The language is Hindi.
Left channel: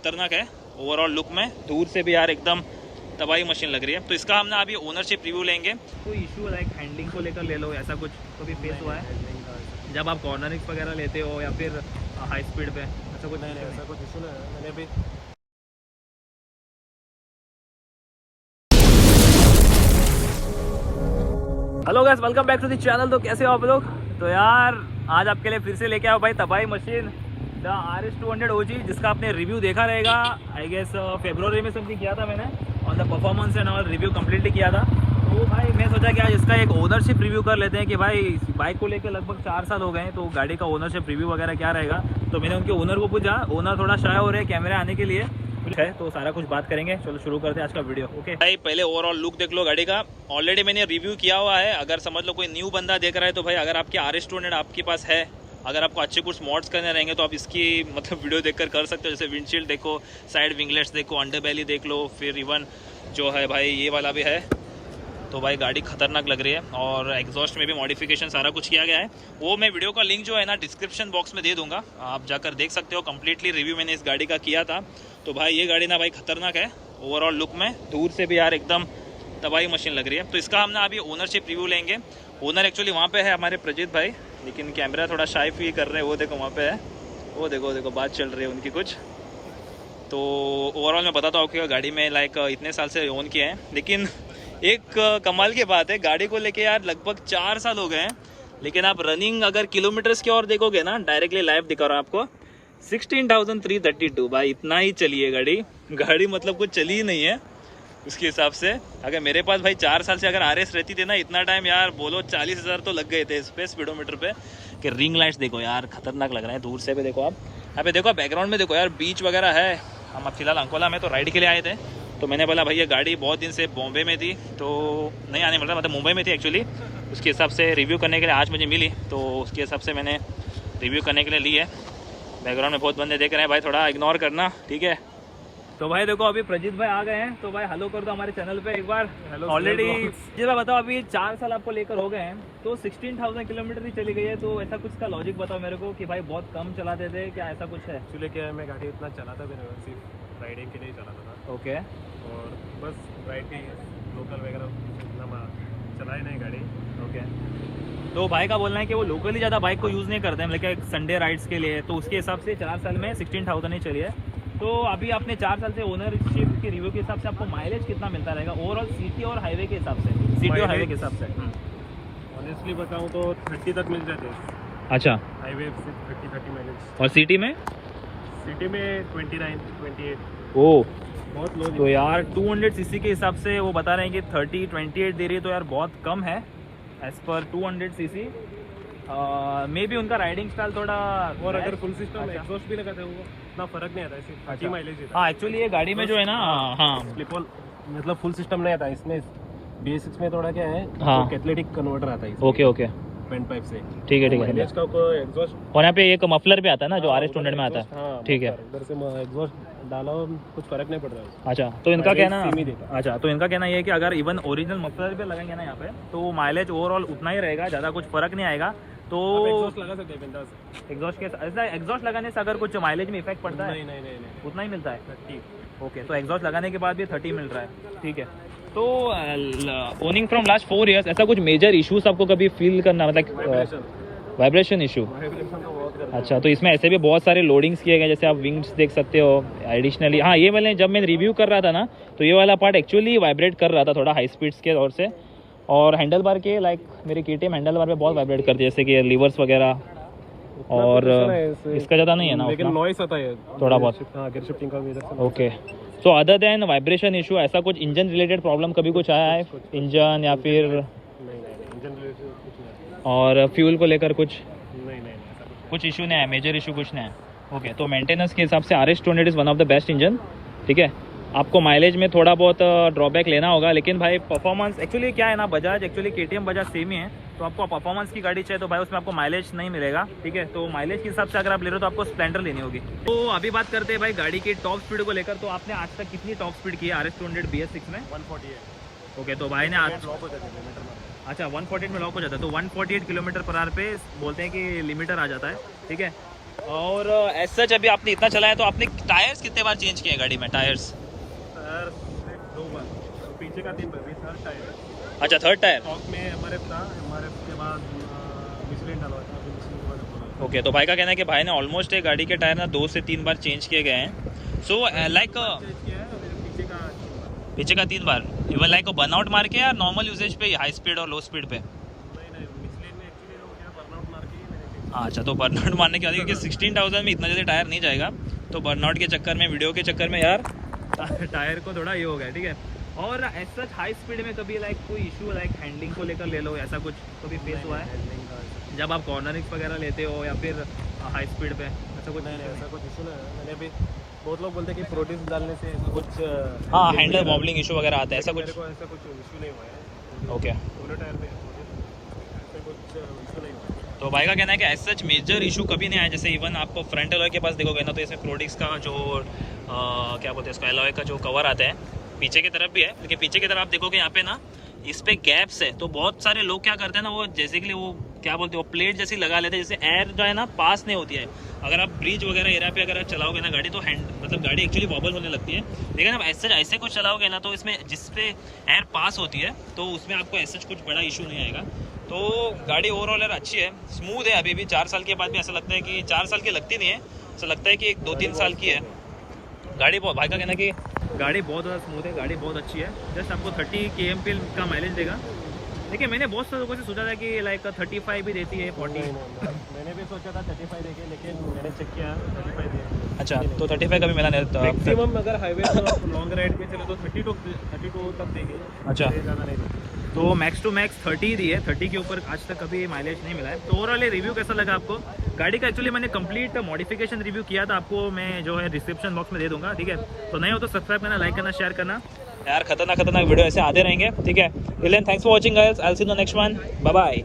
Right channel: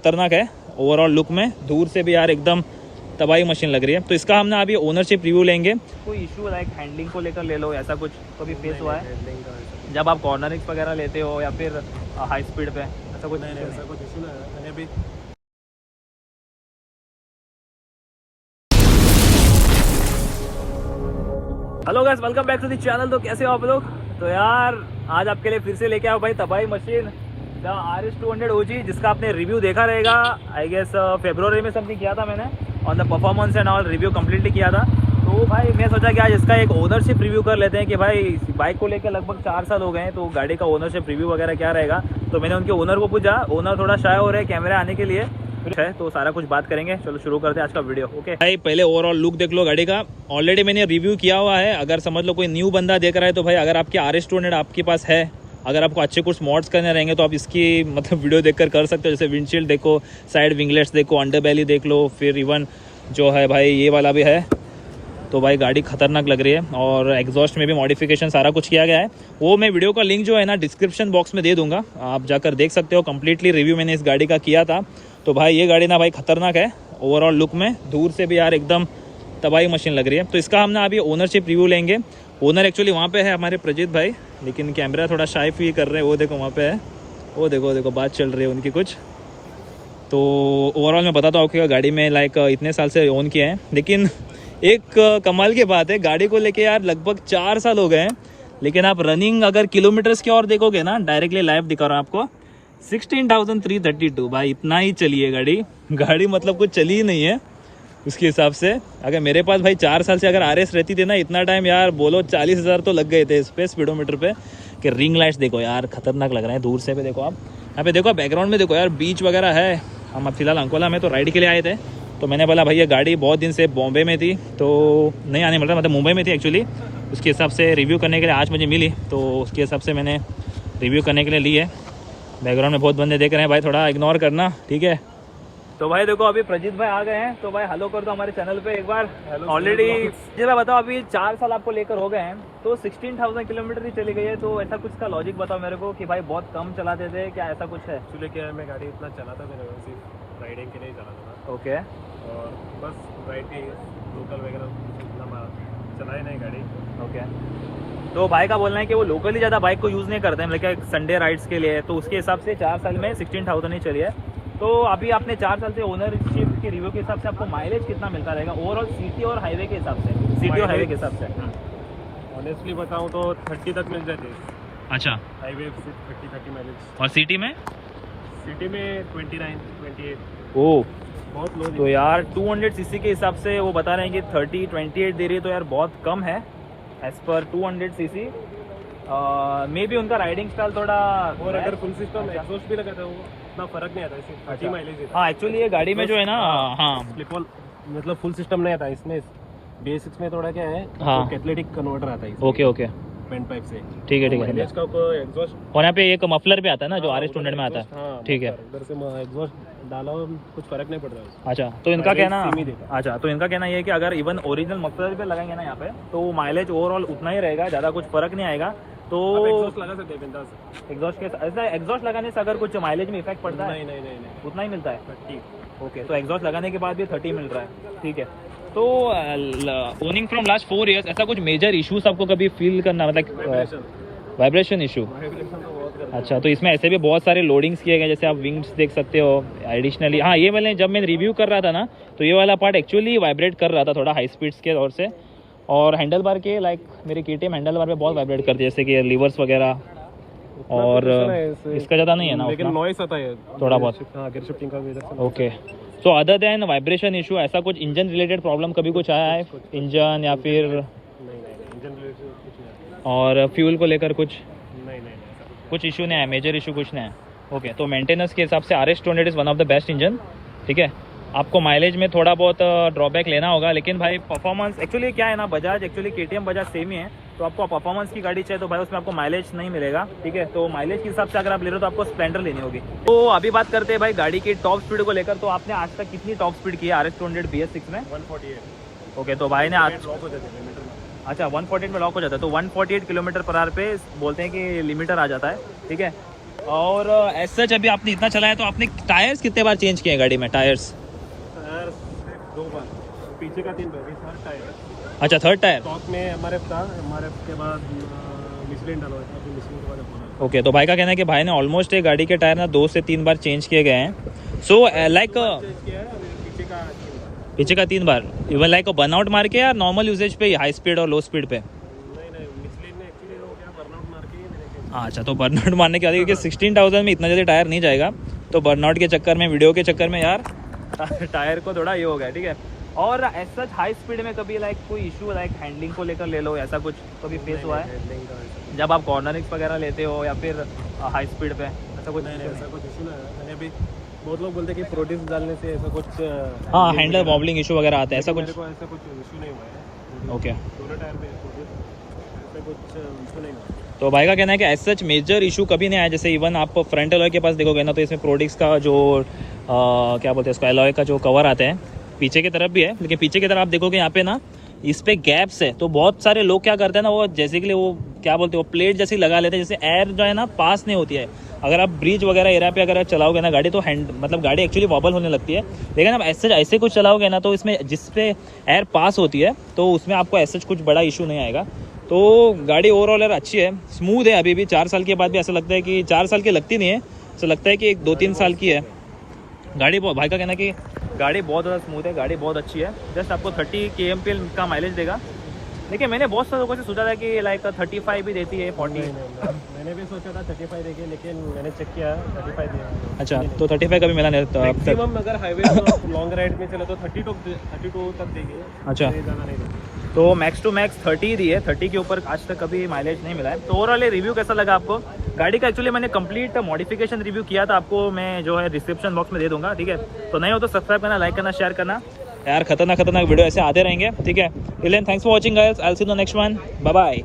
खतरनाक है ओवरऑल लुक में, दूर से भी यार एकदम तबाही मशीन लग रही है। तो इसका हमने अभी ओनरशिप रिव्यू लेंगे। कोई इशू लाइक हैंडलिंग को लेकर ले लो, ऐसा कुछ कभी फेस हुआ है जब आप कॉर्नरिंग्स वगैरह लेते हो या फिर हाई स्पीड पे, ऐसा कुछ? नहीं, ऐसा कुछ इशू नहीं है। मैंने भी hello guys, welcome back to the channel. तो कैसे हो आप लोग? तो यार आज आपके लिए फिर से लेके आओ भाई तबाही मशीन द RS200 OG, जिसका आपने रिव्यू देखा रहेगा आई गेस फरवरी में समथिंग किया था मैंने on the performance and all, review completely किया था। तो भाई मैं सोचा कि आज इसका एक ओनरशिप रिव्यू कर लेते हैं कि भाई बाइक को लेकर लगभग 4 साल हो गए हैं, तो गाड़ी का ओनरशिप रिव्यू वगैरह क्या रहेगा। तो मैंने उनके ओनर को पूछा, ओनर थोड़ा शाय हो रहे हैं कैमरे आने के लिए है, तो सारा कुछ बात करेंगे। चलो शुरू करते हैं आज का वीडियो। ओके भाई, पहले ओवरऑल लुक देख लो गाड़ी का। ऑलरेडी मैंने रिव्यू किया हुआ है। अगर समझ लो कोई न्यू बंदा देख रहा है तो भाई अगर आपके RS200 आपके पास है, अगर आपको अच्छे कुछ मॉड्स करने रहेंगे तो आप इसकी मतलब वीडियो देखकर कर सकते हो। जैसे विंडशील्ड देखो, साइड विंगलेट्स देखो, अंडर बैली देख लो, फिर इवन जो है भाई ये वाला भी है। तो भाई गाड़ी खतरनाक लग रही है और एग्जॉस्ट में भी मॉडिफिकेशन सारा कुछ किया गया है। वो मैं वीडियो का लिंक जो है ना डिस्क्रिप्शन बॉक्स में दे दूंगा, आप जाकर देख सकते हो। कंप्लीटली रिव्यू मैंने इस गाड़ी का किया था। तो भाई ये गाड़ी ना भाई खतरनाक है ओवरऑल लुक में, दूर से भी यार एकदम तबाही मशीन लग रही है। तो इसका हमने अभी ओनरशिप रिव्यू लेंगे। ओनर एक्चुअली वहाँ पे है हमारे प्रजीत भाई, लेकिन कैमरा थोड़ा शाई फी कर रहे हैं। वो देखो वहाँ पे है, वो देखो बात चल रही है उनकी कुछ। तो ओवरऑल मैं बताता हूँ कि गाड़ी में लाइक इतने साल से ओन किया है, लेकिन एक कमाल की बात है गाड़ी को लेके यार लगभग 4 साल हो गए हैं, लेकिन आप रनिंग अगर किलोमीटर्स की ओर देखोगे ना, डायरेक्टली लाइव दिखा रहा हूँ आपको, 16,332 भाई, इतना ही चली है गाड़ी मतलब कुछ चली ही नहीं है उसके हिसाब से। अगर मेरे पास भाई 4 साल से अगर RS रहती थी ना, इतना टाइम यार बोलो 40,000 तो लग गए थे इस पे स्पीडोमीटर पे। कि रिंग लाइट्स देखो यार खतरनाक लग रहे हैं दूर से भी। देखो आप यहाँ पे देखो, बैकग्राउंड में देखो यार बीच वगैरह है। हम अब फिलहाल अंकोला में तो राइड के लिए आए थे, तो मैंने बोला भाई ये गाड़ी बहुत दिन से बॉम्बे में थी तो नहीं आने मिल रहा, मतलब मुंबई में थी एक्चुअली। उसके हिसाब से रिव्यू करने के लिए आज मुझे मिली, तो उसके हिसाब से मैंने रिव्यू करने के लिए ली है। बैकग्राउंड में बहुत बंदे देख रहे हैं भाई, थोड़ा इग्नोर करना, ठीक है। तो भाई देखो अभी प्रजीत भाई आ गए हैं, तो भाई हेलो कर दो हमारे चैनल पे एक बार। ऑलरेडी जी भाई बताओ, अभी 4 साल आपको लेकर हो गए हैं, तो 16,000 किलोमीटर ही चली गई है। तो ऐसा कुछ का लॉजिक बताओ मेरे को कि भाई बहुत कम चलाते थे क्या, ऐसा कुछ है? एक्चुअली क्या है, मैं गाड़ी इतना चलाता भी नहीं, सिर्फ राइडिंग के लिए ही चलाता था। ओके, और बस राइड की लोकल वगैरह इतना चलाई नहीं गाड़ी। ओके। तो भाई का बोलना है कि वो लोकली ज़्यादा बाइक को यूज़ नहीं करते हैं, लेकिन संडे राइड्स के लिए, तो उसके हिसाब से 4 साल में 16,000 ही चली है। तो अभी आपने 4 साल से ओनरशिप के रिव्यू के हिसाब से आपको माइलेज कितना मिलता रहेगा ओवरऑल सिटी और हाईवे के हिसाब से? सिटी और हाईवे के हिसाब से ऑनेस्टली बताऊँ तो 30 तक मिल जाते हैं। अच्छा, हाईवे सिर्फ 30 माइलेज, और सिटी में? सिटी में 29, 28। ओ, बहुत लो। तो यार 200 सीसी के हिसाब से वो बता रहे हैं कि 28 दे रही है, तो यार बहुत कम है एज पर 200 सीसी। मे बी उनका राइडिंग स्टाइल थोड़ा, और अगर फुल सिस्टम एग्जॉस्ट भी लगाते हो उतना फर्क नहीं आता, सिर्फ 30 माइलेज देता है। हाँ एक्चुअली ये गाड़ी में जो है ना, हाँ मतलब फुल सिस्टम नहीं आता, इसलिए बेसिक्स में थोड़ा क्या है, हाँ। कैटलिटिक कन्वर्टर आता है ओके ओके, पेन पाइप से। ठीक है एग्जॉस्ट का एग्जॉस्ट, और यहाँ पे एक मफलर भी आता है ना जो RS200 में आता है, हाँ, ठीक है। इधर से एग्जॉस्ट डाला हो कुछ फर्क नहीं पड़ रहा है। अच्छा, तो इनका कहना, सेम ही देता। अच्छा तो इनका कहना ये है कि अगर इवन ओरिजिनल मफलर पे लगाएंगे ना यहाँ पे, तो माइलेज ओवरऑल उतना ही रहेगा, ज़्यादा कुछ फर्क नहीं आएगा। तो एग्जॉस्ट लगा सकते हैं बिंदास। एग्जॉस्ट के ऐसा एग्जॉस्ट लगाने से अगर कुछ माइलेज में इफेक्ट पड़ता है? नहीं, उतना ही मिलता है। 30। ओके, तो एग्जॉस्ट लगाने के बाद भी 30 मिल रहा है, ठीक है। तो ओनिंग फ्रॉम लास्ट 4 ईयर्स ऐसा कुछ मेजर इश्यूज आपको कभी फील करना, मतलब वाइब्रेशन इशू? अच्छा, तो इसमें ऐसे भी बहुत सारे लोडिंग्स किए गए, जैसे आप विंग्स देख सकते हो एडिशनली। हाँ, ये वाले जब मैं रिव्यू कर रहा था ना, तो ये वाला पार्ट एक्चुअली वाइब्रेट कर रहा था थोड़ा हाई स्पीड्स के दौर से। और हैंडल बार के लाइक मेरी KTM हैंडल बार पे बहुत वाइब्रेट करती है, जैसे कि लीवर्स वगैरह, और इसका ज़्यादा नहीं है ना, लेकिन नॉइस आता है थोड़ा बहुत। Okay, so other than vibration issue ऐसा कुछ इंजन रिलेटेड प्रॉब्लम कभी कुछ आया है? इंजन या फिर और फ्यूल को लेकर कुछ इशू नहीं है, मेजर इशू कुछ नहीं है? ओके, तो मेंटेनेंस के हिसाब से RS200 is one of the best engine, ठीक है। आपको माइलेज में थोड़ा बहुत ड्रॉबैक लेना होगा, लेकिन भाई परफॉर्मेंस एक्चुअली क्या है ना, Bajaj actually KTM Bajaj same ही है, तो आपको परफॉर्मेंस की गाड़ी चाहिए तो भाई उसमें आपको माइलेज नहीं मिलेगा, ठीक है। तो माइलेज के हिसाब से अगर आप ले रहे हो तो आपको स्प्लेंडर लेनी होगी। तो अभी बात करते हैं भाई गाड़ी की टॉप स्पीड को लेकर। तो आपने आज तक कितनी टॉप स्पीड की है RS200 BS6 में? 148। ओके, तो भाई ने आज, अच्छा 148 में लॉक हो जाता है, तो 148 किलोमीटर पर आवर पे बोलते हैं कि लिमिटर आ जाता है, ठीक है। और ऐसा जब भी आपने इतना चलाया तो आपने टायर्स कितने बार चेंज किए हैं गाड़ी में? टायर्स अगर 2 बार, पीछे का 3 बार, थर्ड टायर। अच्छा, थर्ड टायर। टॉप में एमआरएफ था, एमआरएफ के बाद मिशलिन डलवाया था, अभी मिशलिन के बाद अपना। ओके, तो भाई का कहना है कि भाई ने ऑलमोस्ट एक गाड़ी के टायर ना 2 से 3 बार चेंज किए गए हैं। सो लाइक चेंज किया है, अभी पीछे का 3 बार। पीछे का 3 बार, इवन लाइक बर्नआउट मार के या नॉर्मल यूजेज पे, हाई स्पीड और लो स्पीड पे? नहीं, मिशलिन ने एक्चुअली हो गया बर्नआउट मार के ही मैंने चेंज। हाँ, अच्छा, तो बर्नआउट मारने के बाद क्योंकि 16,000 में इतना जल्दी टायर नहीं जाएगा, तो बर्नआउट के चक्कर में, वीडियो के चक्कर में यार टायर को थोड़ा ये हो गया, ठीक है। और ऐसा हाई स्पीड में कभी लाइक कोई इशू लाइक हैंडलिंग को लेकर ले लो, ऐसा कुछ कभी फेस हुआ है हैंडलिंग का ऐसा कुछ जब आप कॉर्नरिंग्स वगैरह लेते हो या फिर हाई स्पीड पे? ऐसा कुछ नहीं, ऐसा कुछ इशू नहीं है। मैंने भी बहुत लोग बोलते हैं कि प्रोड्यूस डालने से ऐसा कुछ हाँ, हैंडल वॉबलिंग इशू वगैरह आता है, ऐसा मेरे कुछ? को ऐसा कुछ इशू नहीं हुआ है। ओके, पूरे टायर में प्रोड्यूस ऐसा कुछ इशू नहीं हुआ। तो भाई का कहना है कि एज सच मेजर इशू कभी नहीं आया। जैसे इवन आप फ्रंट एलॉय के पास देखोगे ना, तो इसमें प्रोडिक्स का जो क्या बोलते हैं इसका, एलॉय का जो कवर आता है, पीछे की तरफ भी है, लेकिन पीछे की तरफ आप देखोगे यहाँ पे ना इस पे गैप्स है। तो बहुत सारे लोग क्या करते हैं ना, वो जैसे कि वो क्या बोलते हैं, वो प्लेट जैसी लगा लेते हैं, जैसे एयर जो है ना पास नहीं होती है। अगर आप ब्रिज वगैरह एरिया पे अगर आप चलाओगे ना गाड़ी, तो मतलब गाड़ी एक्चुअली वॉबल होने लगती है। लेकिन आप ऐसे कुछ चलाओगे ना, तो इसमें जिस पे एयर पास होती है, तो उसमें आपको ऐसे कुछ बड़ा इशू नहीं आएगा। तो गाड़ी ओवरऑल यार अच्छी है, स्मूथ है। अभी भी 4 साल के बाद भी ऐसा लगता है कि 4 साल की लगती नहीं है, ऐसा लगता है कि 2-3 साल की है गाड़ी। भाई का कहना है कि गाड़ी बहुत ज़्यादा स्मूथ है, गाड़ी बहुत अच्छी है। जस्ट आपको 30 kmpl का माइलेज देगा। देखिए, मैंने बहुत सारे लोगों से सोचा था कि लाइक 35 भी देती है, 40। मैंने भी सोचा था 35 देगी, लेकिन मैंने चेक किया 35 दिया। अच्छा, तो 35 का भी मिला नहीं अब तक? मैक्सिमम अगर हाईवे पर लॉन्ग राइड में चले तो 32 तक देगी। अच्छा, ज़्यादा नहीं देगी। तो मैक्स टू मैक्स 30 दी है, 30 के ऊपर आज तक कभी माइलेज नहीं मिला है। तो ओवरऑल रिव्यू कैसा लगा आपको गाड़ी का? एक्चुअली मैंने कंप्लीट मॉडिफिकेशन रिव्यू किया था, आपको मैं जो है डिस्क्रिप्शन बॉक्स में दे दूंगा, ठीक है। तो नहीं हो तो सब्सक्राइब करना, लाइक करना, शेयर करना यार। खतरनाक वीडियो ऐसे आते रहेंगे, ठीक है। Thanks for watching guys, I will see you in the next one, bye bye.